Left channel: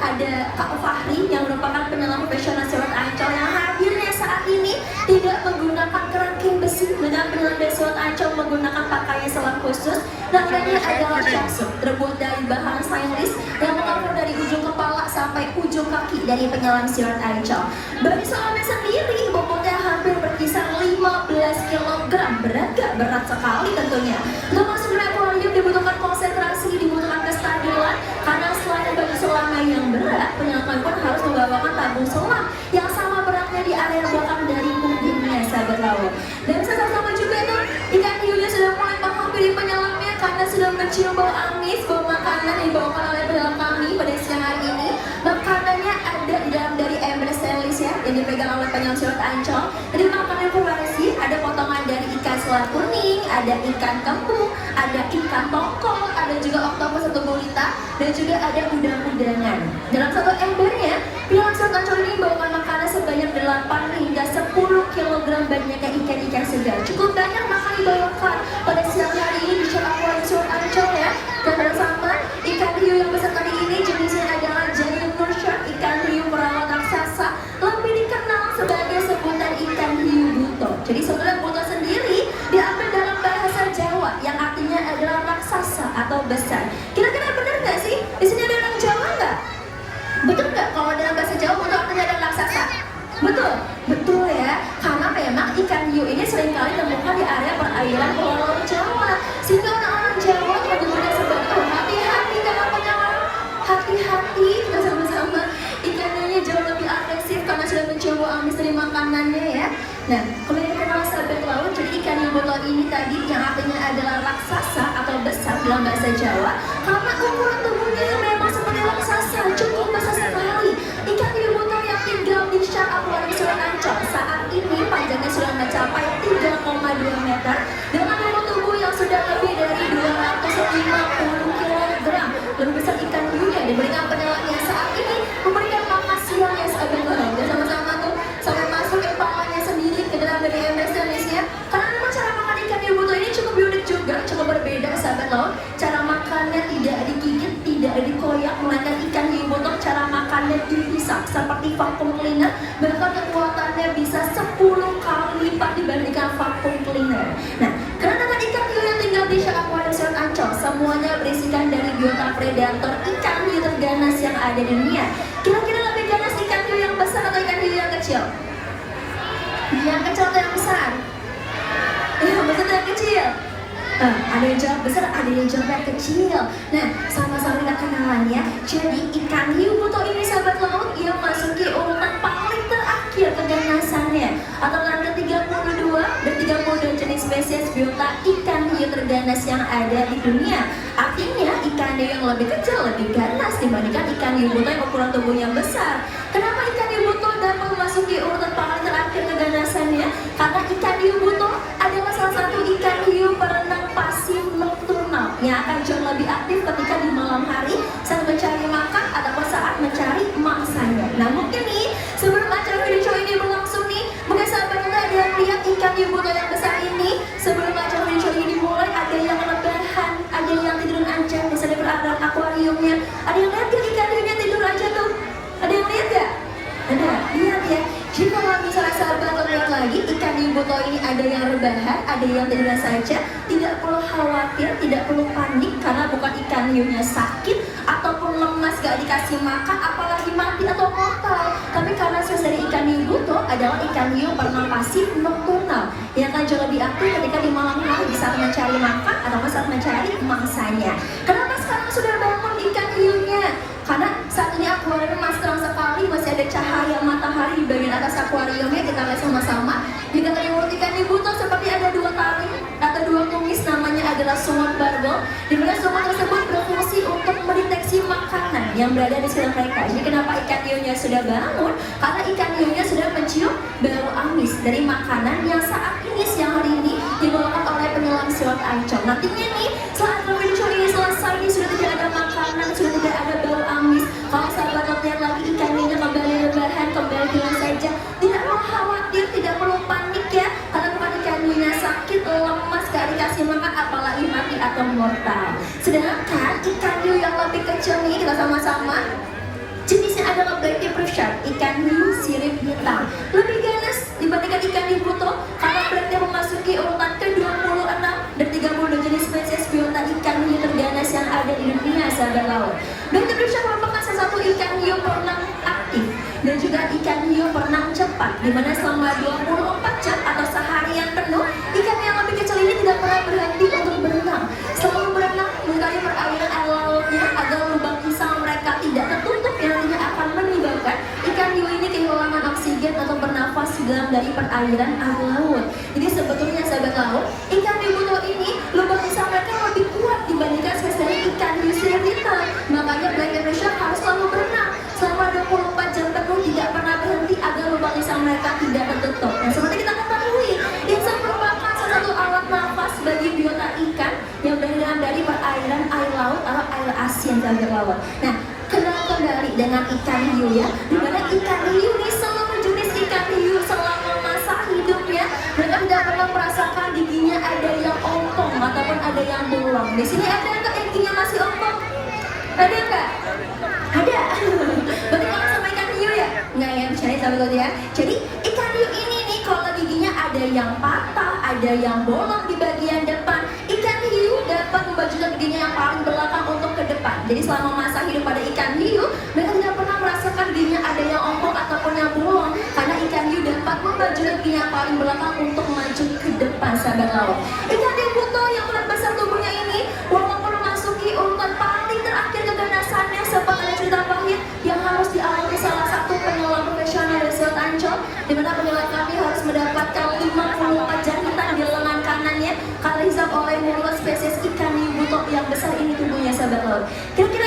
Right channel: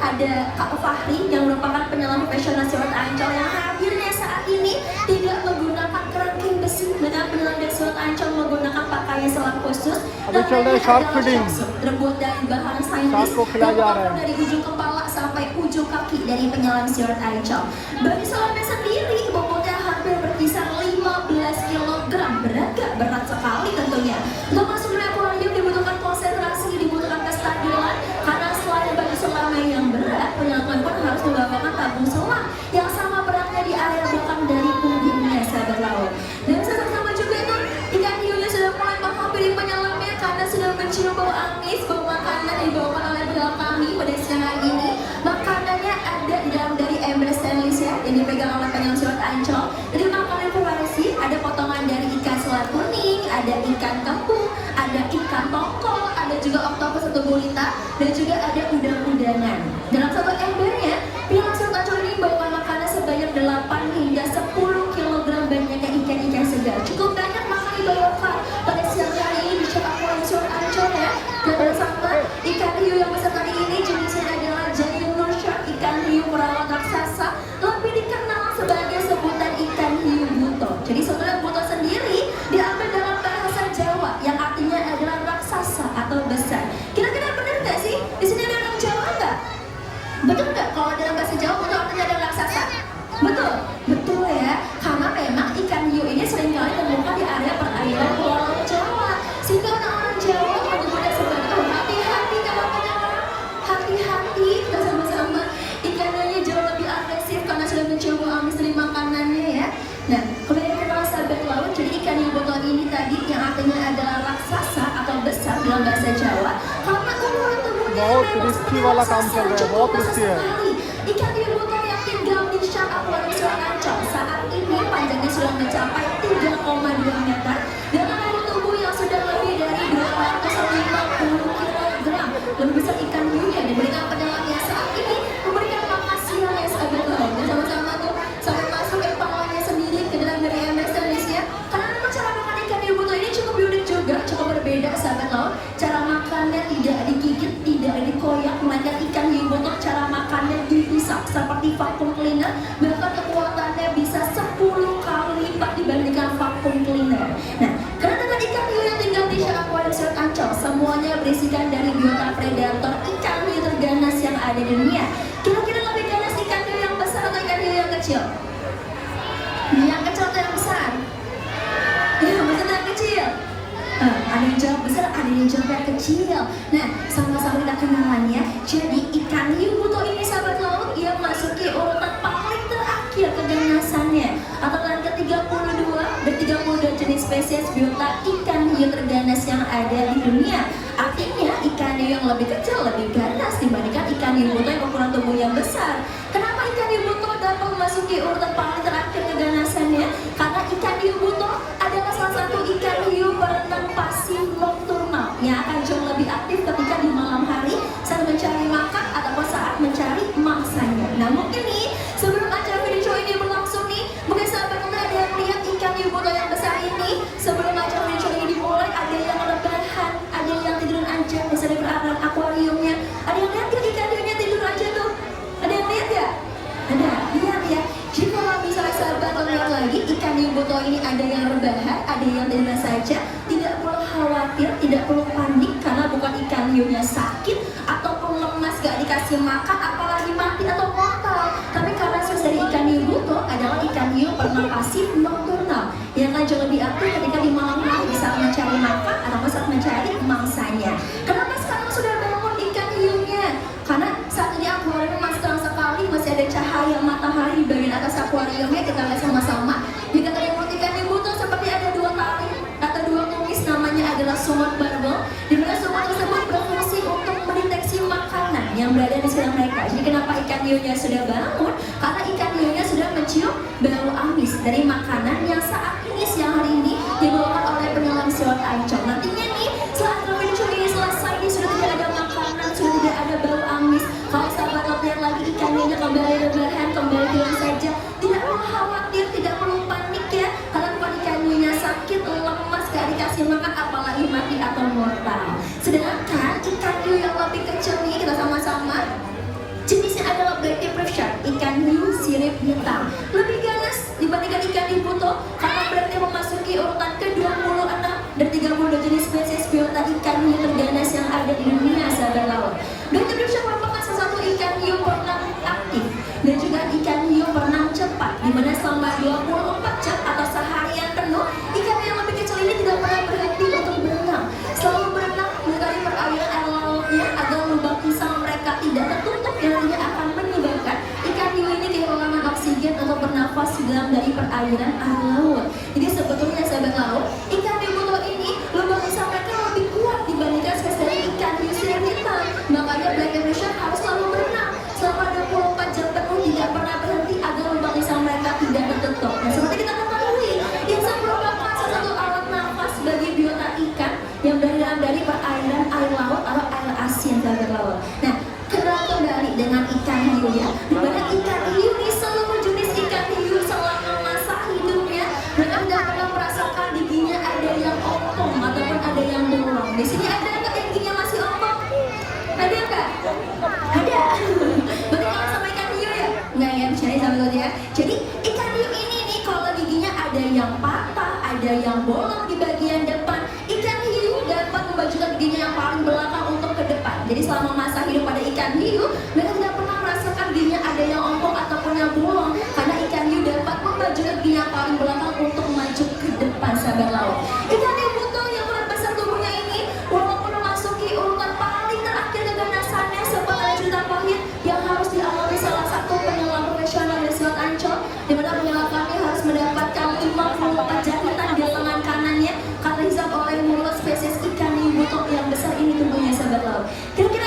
ada Kak Fahri yang merupakan penyelam profesional Silat Ancol yang hadirnya saat ini tidak menggunakan kerangkeng besi dengan penyelam dari Silat Ancol menggunakan pakaian selam khusus dan ini adalah chassis terbuat dari bahan stainless yang mengatur dari ujung kepala sampai ujung kaki dari penyelam Silat Ancol. Bagi selamnya sendiri bobotnya hampir berkisar 15 kg, berat sekali tentunya. Untuk masuk ke akuarium dibutuhkan konsentrasi, dibutuhkan kestabilan karena selain bagi selamnya yang berat, penyelam pun harus membawakan tabung selam yang sama beratnya di area belakang dari punggungnya, sahabat laut. Dan sama-sama juga tuh ikan hiunya sudah mulai menghampiri penyelamnya karena sudah mencium bau amis, bau makanan yang dibawakan oleh penyelam kami pada siang hari ini. Makanannya ada di dalam dari ember stainless ya, yang dipegang oleh penyelam Silat Ancol. Jadi makanan variasi, ada potongan dari ikan selat kuning, ada ikan kembung, ada ikan tongkol, ada juga oktopus atau gurita, dan juga ada udang-udangan. Dalam satu embernya, penyelam Silat Ancol ini membawakan makanan sebanyak 8 hingga 10 kg banyaknya ikan-ikan segar. Cukup banyak makanan dibawakan pada siang hari ini di Akuarium Silat Ancol ya. Dan bersama ikan hiu yang besar kali ini jenisnya adalah Giant Shark, ikan hiu perawat raksasa, lebih dikenal sebagai sebutan ikan hiu buto. Jadi sebenarnya buto sendiri diambil dalam bahasa Jawa yang artinya adalah raksasa atau besar. Kira-kira benar nggak sih? Di sini ada orang Jawa nggak? Betul nggak kalau dalam bahasa Jawa buto artinya adalah raksasa? Betul, betul ya. Karena memang ikan hiu ini seringkali ditemukan di area perairan Pulau Jawa. Sehingga orang-orang Jawa menyebutnya sebagai hati-hati dalam penyelam. Hati-hati kita sama-sama. Ikan hiunya jauh lebih agresif karena sudah mencium bau amis dari makanannya ya. Nah, kalau yang kenal sahabat laut, jadi ikan hiu buto ini tadi yang artinya adalah raksasa atau besar dalam bahasa Jawa. Karena ukuran tubuhnya memang seperti raksasa, cukup besar sekali. Ikan hiu buto yang tinggal di Akuarium Silat Ancol saat ini panjangnya sudah mencapai 3,2 meter dengan bobot tubuh yang sudah lebih dari 250 kg. Lebih besar ikan hiu yang diberikan penyelamnya saat ini memberikan makan siangnya sahabat laut. Dan sama-sama tuh sampai masuk etalonnya sendiri ke dalam dari ember stainlessnya. Karena memang cara makan ikan hiu buto ini cukup unik juga, cukup berbeda sahabat laut. Cara makannya tidak digigit, tidak dikoyak, melainkan ikan hiu buto cara makannya dihisap seperti vacuum cleaner, bahkan kekuatannya bisa 10 kali lipat dibandingkan vacuum cleaner. Nah, karena dengan ikan hiu yang tinggal di Akuarium Silat Ancol, semuanya berisikan dari biota predator ikan hiu terganas yang ada di dunia. Kira-kira lebih ganas ikan hiu yang besar atau ikan hiu yang kecil? Yang kecil atau yang besar? Yang besar atau yang kecil? Ada yang jawab besar, ada yang jawab kecil. Nah, sama-sama kita kenalan ya. Jadi ikan hiu buto ini sahabat laut, ia masuki urutan paling terakhir keganasannya atau urutan ke-32 dari 32 jenis spesies biota ikan hiu terganas yang ada di dunia. Artinya ikan hiu yang lebih kecil lebih ganas dibandingkan ikan hiu buto yang ukuran tubuh yang besar. Kenapa ikan hiu buto dapat memasuki urutan paling terakhir keganasannya? Karena ikan hiu buto adalah salah satu ikan hiu berenang pasif nokturnal yang akan jauh lebih aktif ketika di malam hari saat mencari makan ataupun saat mencari mangsanya. Nah mungkin nih sebelum acara video show ini berlangsung nih, mungkin sahabat kita ada yang lihat ikan hiu buto yang besar ini. Sebelum acara video show ini dimulai, ada yang rebahan, ada yang tiduran aja misalnya di perairan akuariumnya. Ada yang lihat gak ikan hiunya tidur aja tuh? Ada yang lihat gak? Ada, lihat ya. Jadi kalau misalnya sahabat lihat lagi, ikan hiu buto ini ada yang rebahan, ada yang tiduran saja. Tidak perlu khawatir, tidak perlu panik karena bukan ikan hiunya sakit ataupun lemas gak dikasih makan, apalagi mati atau mortal. Tapi karena source dari ikan hiu buto adalah ikan hiu berenang pasif nokturnal yang akan jauh lebih aktif ketika di malam hari saat mencari makan ataupun saat mencari mangsanya. Kenapa sekarang sudah bangun ikan hiunya? Karena saat ini akuarium masih terang sekali, masih ada cahaya matahari di bagian atas akuariumnya. Kita lihat sama-sama. Jika terlihat ikan hiu buto seperti ada dua tali atau dua tumis, namanya adalah sumat barbel. Di mana sumat tersebut berfungsi untuk mendeteksi makanan yang berada di sekitar mereka. Jadi kenapa ikan hiunya sudah bangun? Karena ikan hiunya sudah mencium bau amis dari makanan yang saat ini siang hari ini dibawakan oleh penyelam Silat Ancol. Nantinya nih setelah video ini selesai, ini sudah tidak ada makanan, sudah tidak ada bau amis. Kalau sahabat lihat lagi ikan hiunya kembali rebahan, kembali bilang saja, tidak perlu khawatir, tidak perlu panik ya. Karena bukan ikan hiunya sakit, lemas, gak dikasih makan, apalagi mati atau mortal. Sedangkan ikan hiu yang lebih kecil nih, kita sama-sama ikan hiu buto karena berarti memasuki urutan ke-26 dan 32 jenis spesies biota ikan hiu terganas yang ada di dunia, sahabat laut. Dr. Dusha merupakan salah satu ikan hiu berenang aktif dan juga ikan hiu berenang cepat, di mana selama 24 jam atau seharian penuh, ikan yang lebih kecil ini tidak pernah berhenti untuk berenang. Selalu berenang menyukai perairan air lautnya agar lubang insang mereka tidak tertutup yang nantinya akan menyebabkan ikan hiu ini kehilangan oksigen untuk bernafas di dalam dari perairan air laut. Jadi sebetulnya sahabat laut, ikan hiu buto ini lubang insang mereka lebih kuat dibandingkan spesies ikan hiu cerita. Makanya Black Ocean harus selalu berenang selama 24 jam penuh, tidak pernah berhenti agar lubang insang mereka tidak tertutup. Nah, seperti kita ketahui, insang merupakan salah satu alat nafas bagi biota ikan yang berada dari perairan air laut atau air asin sahabat laut. Nah, kenal kembali dengan ikan hiu ya, di mana ikan hiu ini seluruh jenis ikan hiu selama masa hidupnya mereka tidak pernah merasakan giginya ada yang ompong ataupun ada yang bolong. Di sini ada nggak yang giginya masih ompong? Ada nggak? Ada. Berarti kalau sama ikan hiu ya? Nggak ya, misalnya sahabat ya. Jadi ikan hiu ini nih kalau giginya ada yang patah, ada yang bolong di bagian depan, ikan hiu dapat membajukan giginya yang paling belakang untuk ke depan. Jadi selama masa hidup pada ikan hiu, mereka tidak pernah merasakan giginya ada yang ompong ataupun yang bolong, karena ikan hiu dapat membajukan giginya yang paling belakang untuk maju ke depan, sahabat laut. Ikan hiu buto yang paling besar tubuhnya ini, walaupun memasuki urutan paling terakhir keganasannya, sempat ada cerita pahit yang harus dialami salah satu penyelam profesional di Selat Ancol, di mana penyelam kami harus mendapatkan 54 jahitan di lengan kanannya karena disebabkan oleh mulut spesies ikan hiu buto yang besar ini tubuhnya, sahabat laut. Kira-kira